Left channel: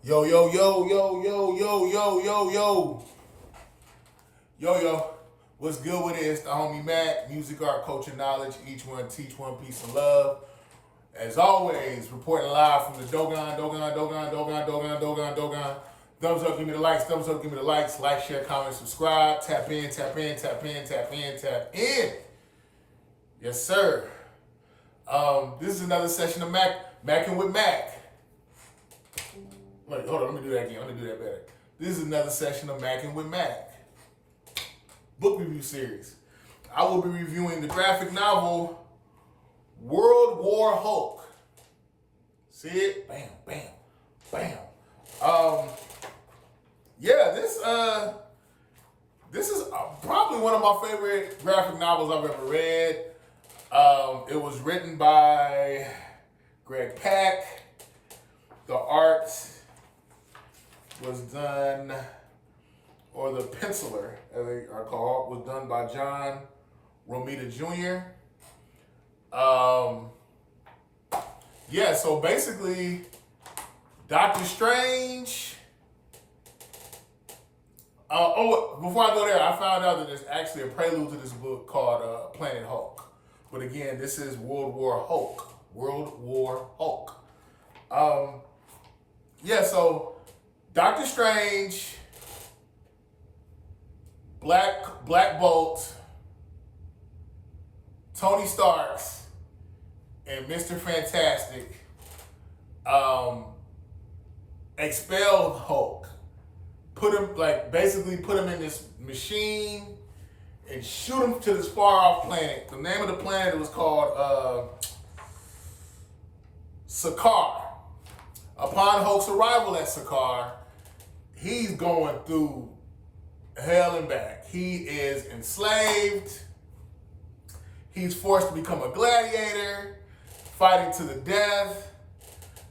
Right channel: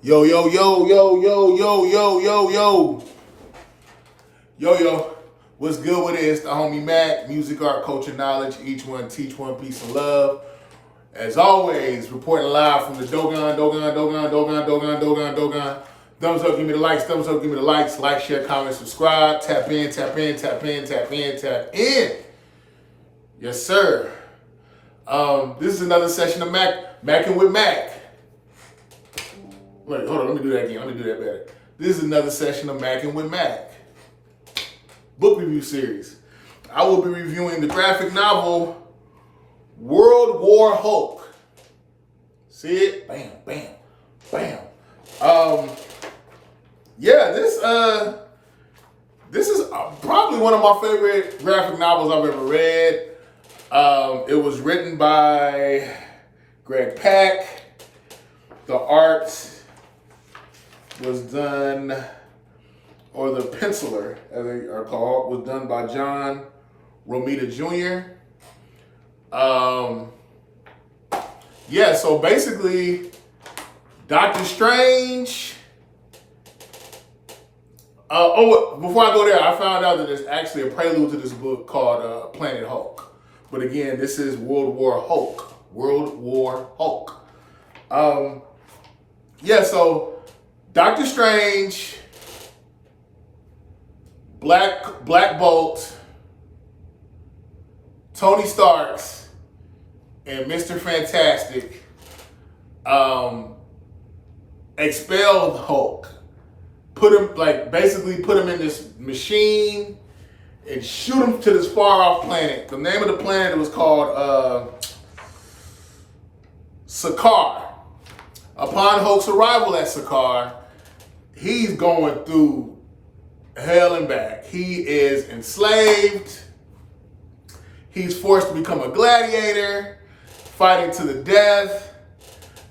Yo, yo, yo, yo, yo, yo, yo, yo, yo. Yo, yo. What's good with it? It's the homie Mac, music, art, culture, knowledge. Each one teach one piece of love. As always, reporting live from the Dogon. Thumbs up, give me the likes. Thumbs up, give me the likes. Like, share, comment, subscribe. Tap in, tap in, tap in, tap in, tap in. Yes, sir. This is another session of Macking with Mac. Wait, hold on, let me do that again. Let me do that better. This is another session of Macking with Mac. Book review series. I will be reviewing the graphic novel World War Hulk. See it? Bam, bam, bam. Yeah, this is probably one of my favorite graphic novels I've ever read. It was written by Greg Pak. The art was done, or the penciler, as they are called, was done by John Romita Jr. Yeah, so basically, Doctor Strange. Before I go there, I found out that there's actually a prelude to this book called Planet Hulk. But again, this is World War Hulk. World War Hulk. Yeah, so Doctor Strange, Black Bolt, Tony Starks, and Mr. Fantastic expelled Hulk. Basically put him in this machine and shoot him to this far off planet. The name of the planet was called Sakaar. Upon Hulk's arrival at Sakaar, he's going through hell and back. He is enslaved. He's forced to become a gladiator, fighting to the death.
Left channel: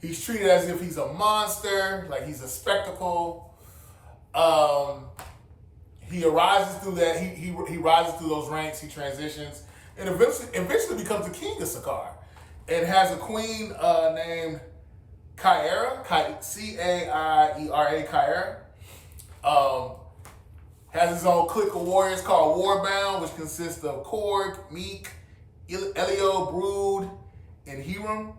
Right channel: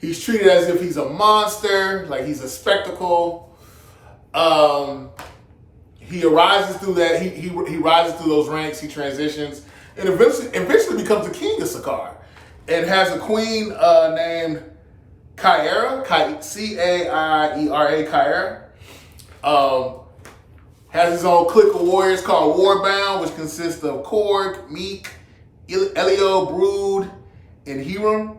He's treated as if he's a monster, like he's a spectacle. He arises through that. He rises through those ranks. He transitions, and eventually becomes the king of Sakaar, and has a queen named Caiera, Caiera. Has his own clique of warriors called Warbound, which consists of Korg, Meek, Elio, Brood, and Hiram.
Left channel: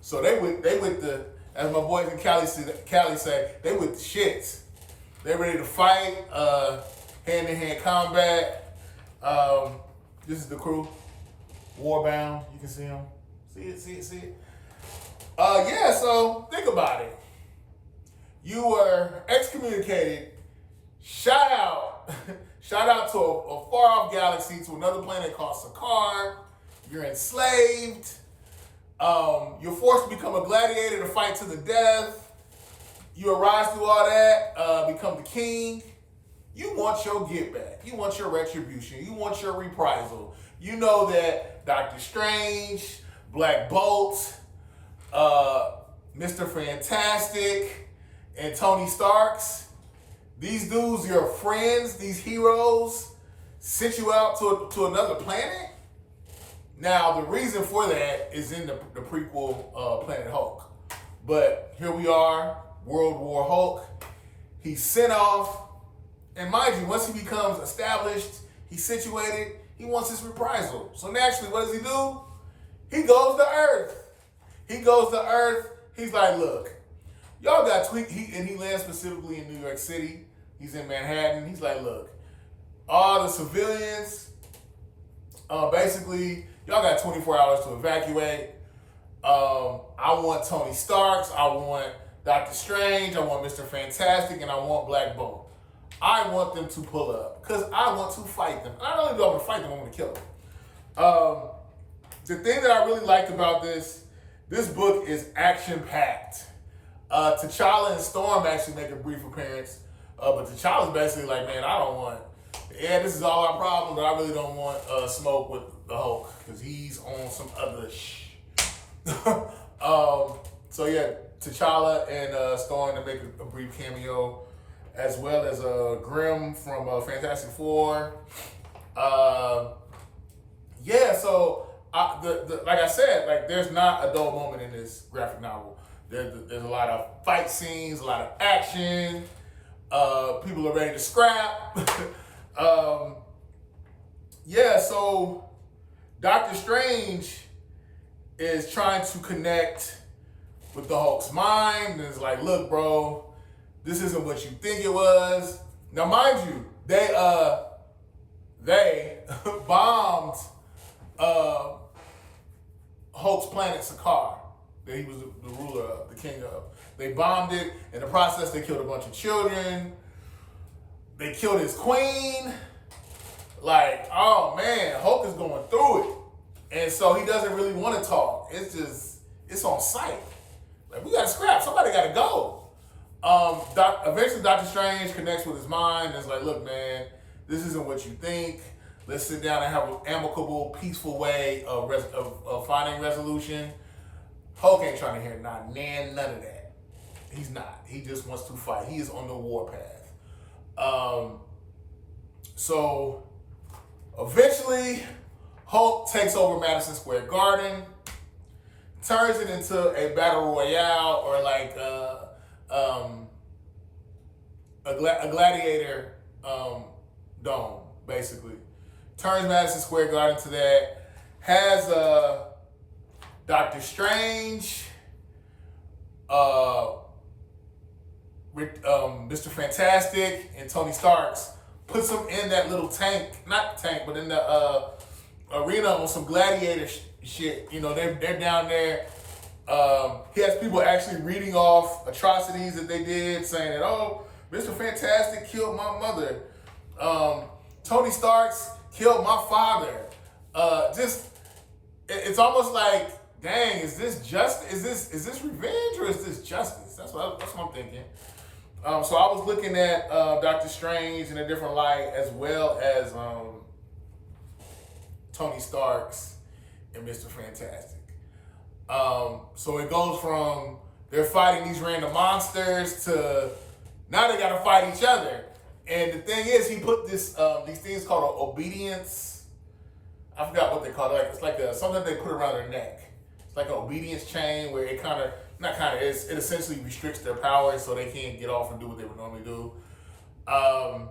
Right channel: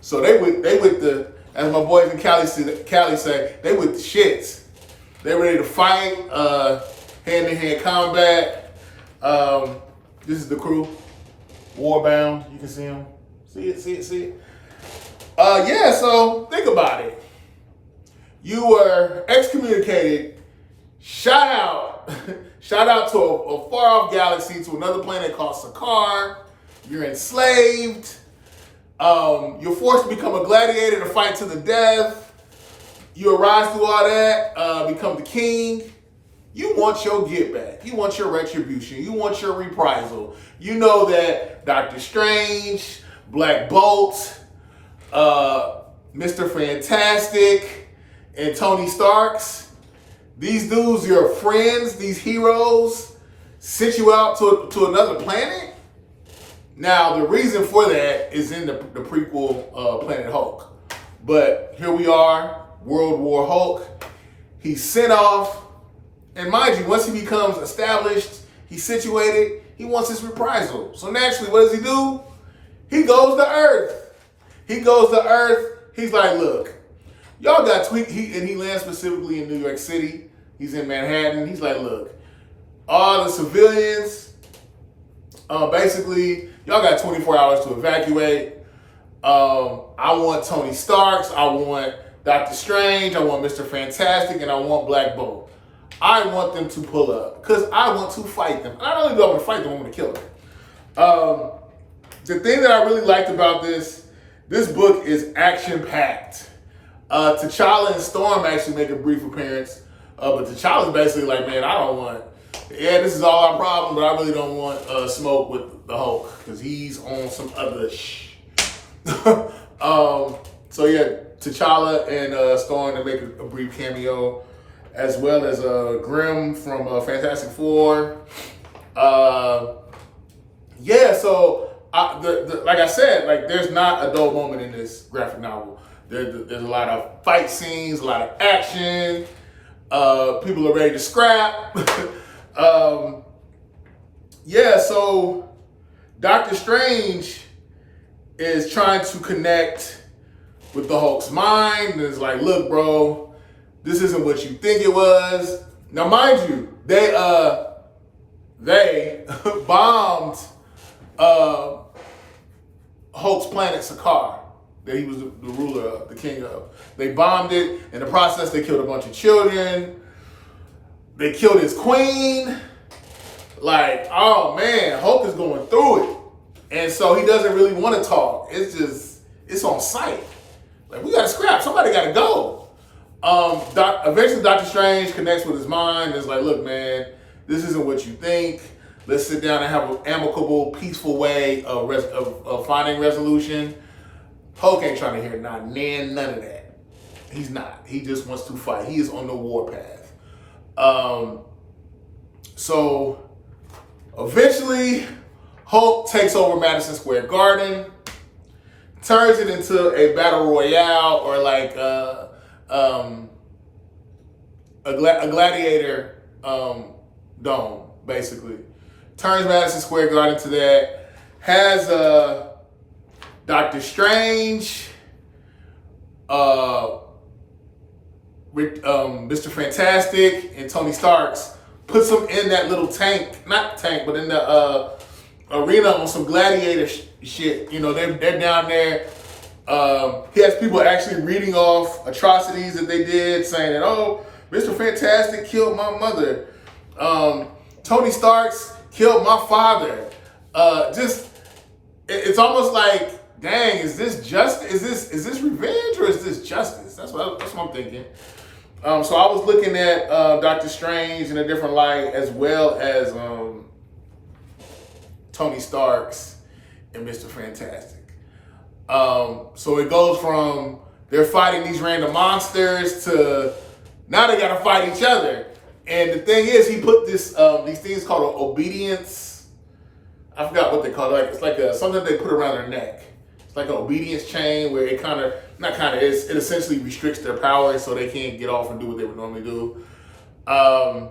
So they with the, as my boys in Cali say, they with the shits. They ready to fight, hand-to-hand combat. This is the crew, Warbound. You can see them. See it. Yeah, so think about it. You were excommunicated, shot out to a far-off galaxy, to another planet called Sakaar. You're enslaved. You're forced to become a gladiator to fight to the death. You arise through all that, become the king. You want your get back. You want your retribution. You want your reprisal. You know that Doctor Strange, Black Bolt, Mr. Fantastic, and Tony Starks, these dudes, your friends, these heroes, sent you out to another planet. Now, the reason for that is in the prequel Planet Hulk. But here we are, World War Hulk. He's sent off. And mind you, once he becomes established, he's situated, he wants his reprisal. So naturally, what does he do? He goes to Earth. He's like, look, y'all got tweaked. He lands specifically in New York City. He's in Manhattan. He's like, look, all the civilians, basically, y'all got 24 hours to evacuate. I want Tony Starks. I want Doctor Strange. I want Mr. Fantastic. And I want Black Bolt. I want them to pull up because I want to fight them. Not only do I want to fight them, I want to kill them. The thing that I really liked about this book is action-packed. T'Challa and Storm actually make a brief appearance, but T'Challa's basically like, man, this is all our problem, but I really don't want smoke with the Hulk because he's on some other So yeah, T'Challa and Storm, they make a brief cameo, as well as Grimm from Fantastic Four. Yeah, so like I said, like there's not a dull moment in this graphic novel. There's a lot of fight scenes, a lot of action. People are ready to scrap. So Doctor Strange is trying to connect with the Hulk's mind, and it's like, look, bro, this isn't what you think it was. Now, mind you, they bombed Hulk's planet Sakaar that he was the ruler of, the king of. They bombed it. In the process, they killed a bunch of children. They killed his queen. Like, oh man, Hulk is going through it. And so he doesn't really want to talk. It's on sight. Like, we got to scrap. Somebody got to go. Eventually, Doctor Strange connects with his mind and is like, look, man, this isn't what you think. Let's sit down and have an amicable, peaceful way of finding resolution. Hulk ain't trying to hear none of that. He's not. He just wants to fight. He is on the warpath. So eventually, Hulk takes over Madison Square Garden, turns it into a battle royale or like a gladiator dome, basically. Turns Madison Square Garden to that. Has Doctor Strange, Mr. Fantastic, and Tony Starks, puts them in that little tank, not tank, but in the arena on some gladiator shit. You know, they're down there. He has people actually reading off atrocities that they did, saying that, oh, Mr. Fantastic killed my mother. Tony Starks killed my father. It's almost like, dang, is this revenge or is this justice? That's what I'm thinking. So I was looking at Doctor Strange in a different light, as well as Tony Starks and Mr. Fantastic. So it goes from they're fighting these random monsters to now they got to fight each other. And the thing is, he put these things called obedience. I forgot what they call it. It's like something they put around their neck. It's like an obedience chain where it it essentially restricts their power so they can't get off and do what they would normally do. But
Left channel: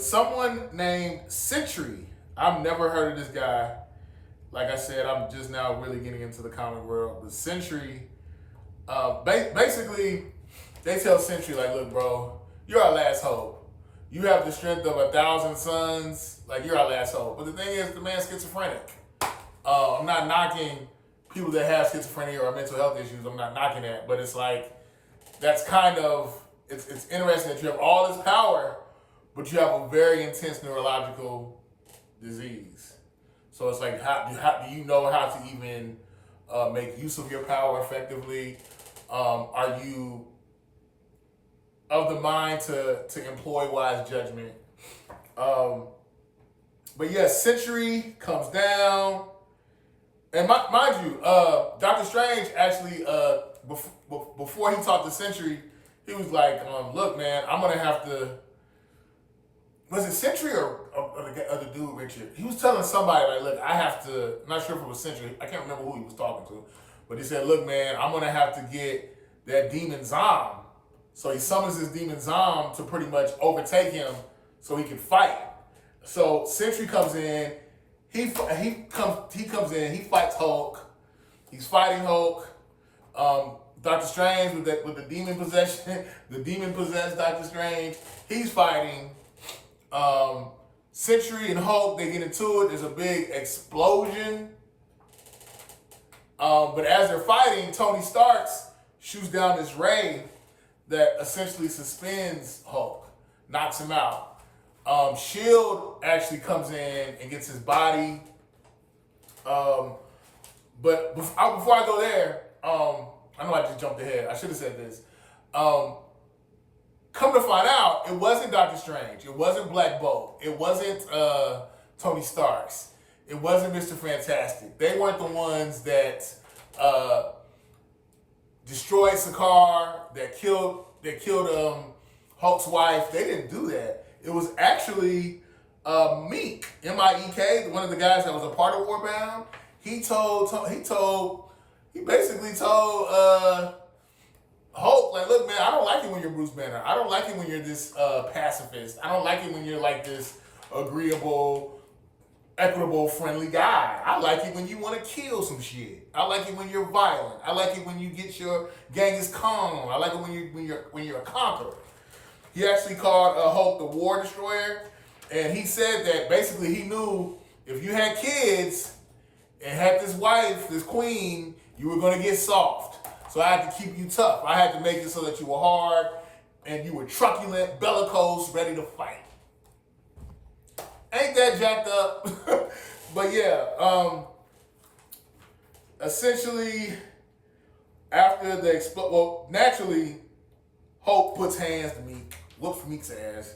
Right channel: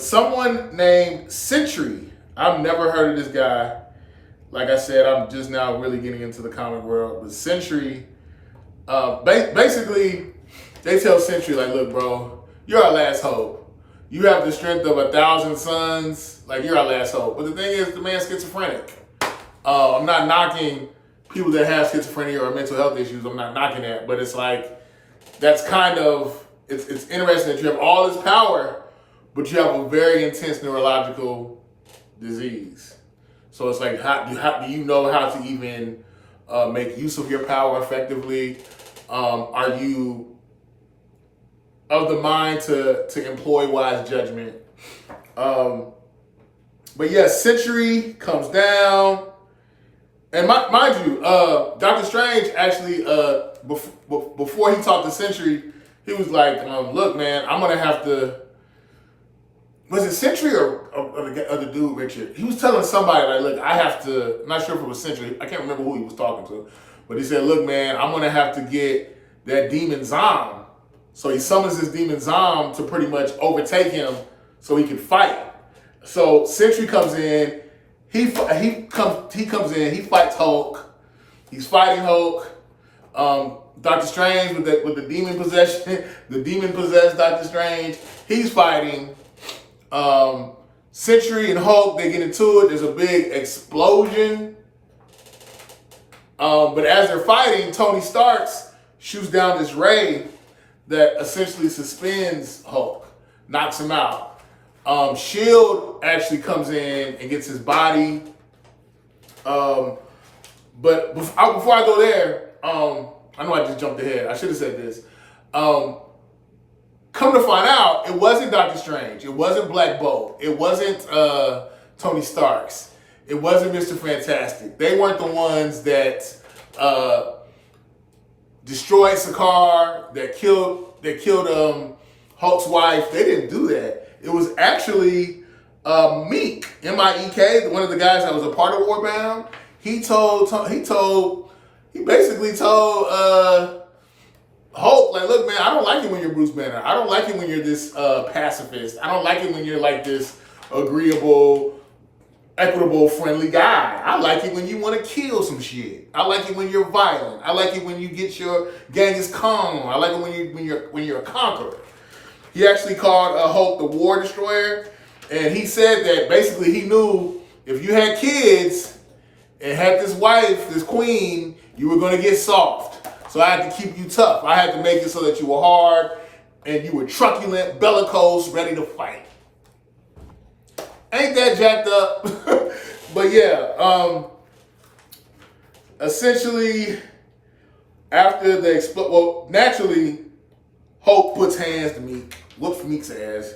someone named Sentry, I've never heard of this guy. Like I said, I'm just now really getting into the comic world. But Sentry, basically, they tell Sentry, like, look, bro, you're our last hope. You have the strength of 1,000 suns. Like, you're our last hope. But the thing is, the man's schizophrenic. I'm not knocking people that have schizophrenia or mental health issues. I'm not knocking that. But it's like, that's kind of, it's interesting that you have all this power, but you have a very intense neurological disease. So it's like, how do you know how to even make use of your power effectively? Are you of the mind to employ wise judgment? But yeah, Sentry comes down. And mind you, Doctor Strange actually, before he talked to Sentry, he was like, look, man, I'm going to have to... Was it Sentry or the dude, Richard? He was telling somebody, like, look, I have to... I'm not sure if it was Sentry. I can't remember who he was talking to. But he said, look, man, I'm going to have to get that demon Zom. So he summons this demon Zom to pretty much overtake him so he can fight. So Sentry comes in. He comes in. He fights Hulk. He's fighting Hulk. Doctor Strange with the demon possession, the demon possessed Doctor Strange. He's fighting. Sentry and Hulk, they get into it. There's a big explosion. But as they're fighting, Tony Starks shoots down this ray that essentially suspends Hulk, knocks him out. SHIELD actually comes in and gets his body. But before I go there, I know I just jumped ahead. I should have said this. Come to find out, it wasn't Doctor Strange. It wasn't Black Bolt. It wasn't Tony Starks. It wasn't Mr. Fantastic. They weren't the ones that destroyed Sakaar, that killed Hulk's wife. They didn't do that. It was actually Meek, M-I-E-K, one of the guys that was a part of Warbound. He told he basically told Hulk, like, look, man, I don't like it when you're Bruce Banner. I don't like it when you're this pacifist. I don't like it when you're like this agreeable, equitable, friendly guy. I like it when you want to kill some shit. I like it when you're violent. I like it when you get your Genghis Khan. I like it when you're a conqueror. He actually called Hulk the War Destroyer, and he said that basically he knew if you had kids and had this wife, this queen, you were going to get soft. So I had to keep you tough. I had to make it so that you were hard and you were truculent, bellicose, ready to fight. Ain't that jacked up? But yeah, essentially, after the naturally, Hulk puts hands to Meek, whoops Meek's ass.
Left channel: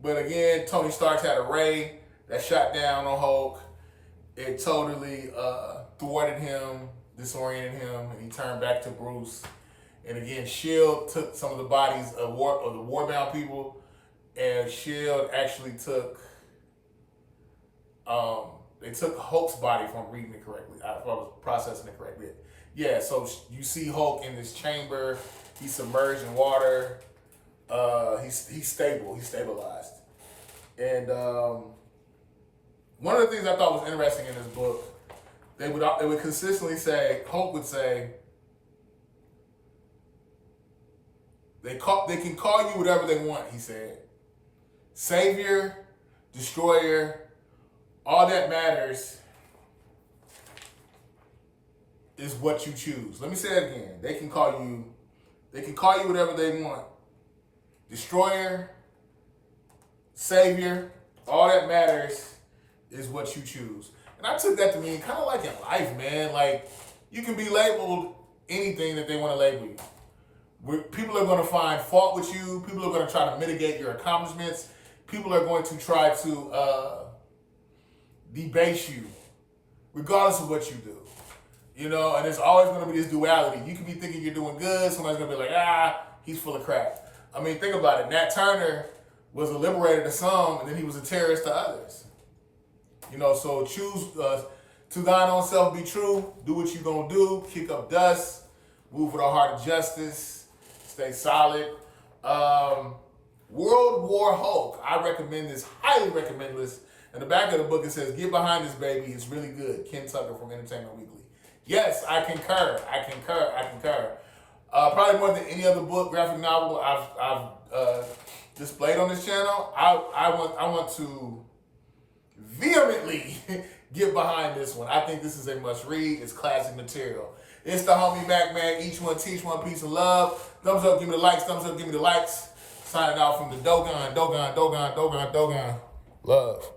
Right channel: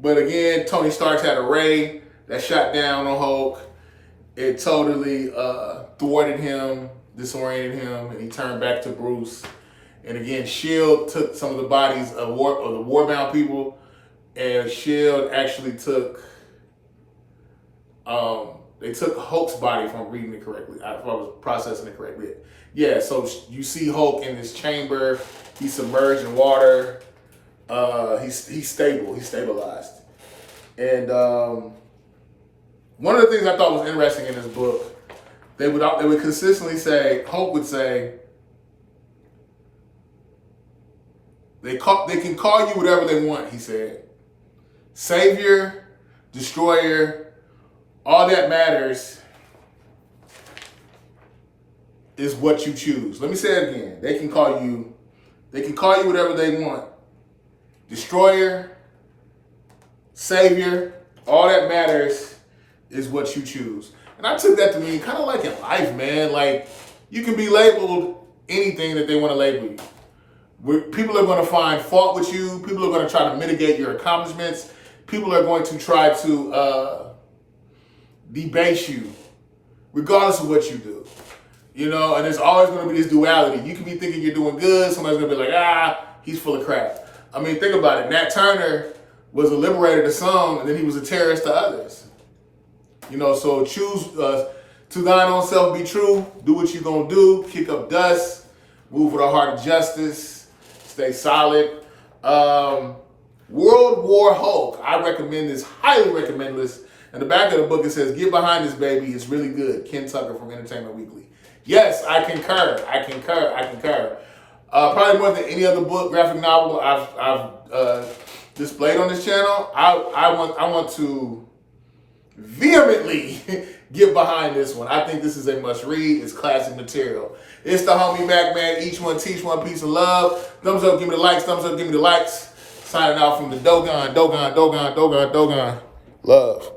But again, Tony Stark's had a ray that shot down on Hulk. It totally thwarted him, disoriented him, and he turned back to Bruce. And again, S.H.I.E.L.D. took some of the bodies of the Warbound people, and S.H.I.E.L.D. actually took they took Hulk's body, if I'm reading it correctly, if I was processing it correctly. Yeah, so you see Hulk in this chamber. He's submerged in water. He's stable. He's stabilized. And one of the things I thought was interesting in this book, they would consistently say, Hulk would say, they can call you whatever they want, he said. Savior, destroyer, all that matters is what you choose. Let me say it again. They can call you whatever they want. Destroyer, savior, all that matters is what you choose. And I took that to mean kind of like in life, man. Like, you can be labeled anything that they want to label you. People are going to find fault with you. People are going to try to mitigate your accomplishments. People are going to try to debase you, regardless of what you do. You know, and there's always going to be this duality. You can be thinking you're doing good. Somebody's going to be like, he's full of crap. I mean, think about it. Nat Turner was a liberator to some, and then he was a terrorist to others. You know, so choose to thine own self be true. Do what you're going to do. Kick up dust. Move with a heart of justice. Stay solid. World War Hulk. I recommend this. Highly recommend this. In the back of the book, it says, get behind this, baby. It's really good. Ken Tucker from Entertainment Weekly. Yes, I concur. Probably more than any other book, graphic novel I've displayed on this channel. I want to vehemently get behind this one. I think this is a must read. It's classic material. It's the homie Mac Man. Each one teach one piece of love. Thumbs up, give me the likes. Thumbs up, give me the likes. Signing out from the Dogon. Love.